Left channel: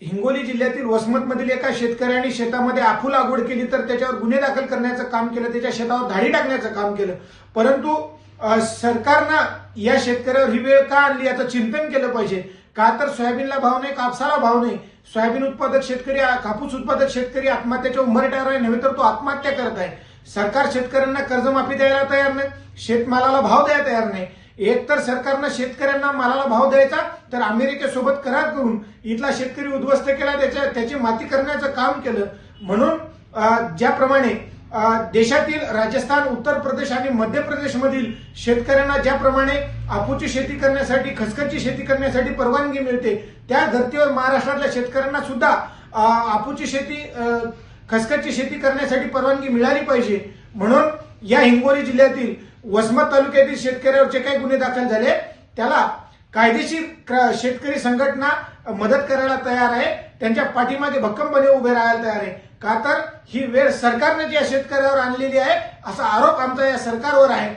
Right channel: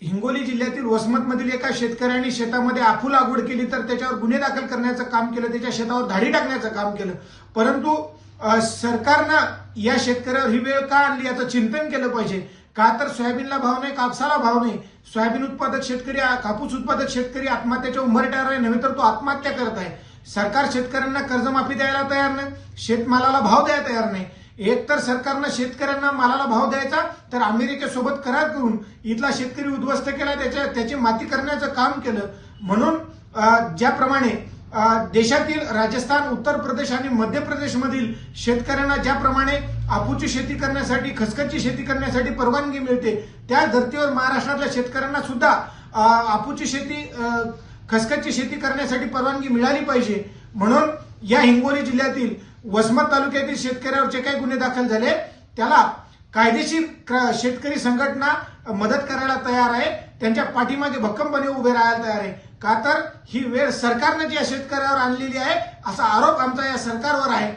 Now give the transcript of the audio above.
हिंगोली जिल्ह्यातील वसमतमधील एका शेतकऱ्याने शेतामध्ये आफू लागवड केली तर त्याच्यावर गुन्हे दाखल करण्याचं काम केलं, त्याच्या शेतावर धाडी टाकण्याचं काम केलं. परंतु सरकारनं या शेतकऱ्यावर ही वेळ का आणली याचं चिंतन केलं पाहिजे. का तर सोयाबीनला भाव नाही, कापसाला भाव नाही. सोयाबीन उत्पादक शेतकरी, कापूस उत्पादक शेतकरी आत्महत्याच्या उंबरठ्यावर आहे, नव्हे तर तो आत्महत्या करत आहे. सरकार शेतकऱ्यांना कर्जमाफी द्यायला तयार नाही, शेतमालाला भाव द्यायला तयार नाही. एक तर सरकारनं शेतकऱ्यांना मालाला भाव द्यायचा तर अमेरिकेसोबत करार करून इथला शेतकरी उद्ध्वस्त केला, त्याची माती करण्याचं काम केलं. म्हणून ज्याप्रमाणे देशातील राजस्थान, उत्तर प्रदेश आणि मध्य प्रदेशमधील शेतकऱ्यांना ज्याप्रमाणे आपूची शेती करण्यासाठी, खसखसची शेती करण्यासाठी परवानगी मिळते, त्या धर्तीवर महाराष्ट्रातल्या शेतकऱ्यांना सुद्धा आपूची शेती, खसखसची शेती करण्यासाठी परवानगी मिळाली पाहिजे. म्हणून या हिंगोली जिल्ह्यातील वसमत तालुक्यातील शेतकऱ्यावर जे काही गुन्हे दाखल झाले त्याला कायदेशीर शेतकरी संघटना मदत करायला तयार आहे, त्यांच्या पाठीमागे भक्कमपणे उभे राहायला तयार आहे. का तर ही वेळ सरकारने जी या शेतकऱ्यावर आणलेली आहे असा आरोप आमचा या सरकारवर आहे.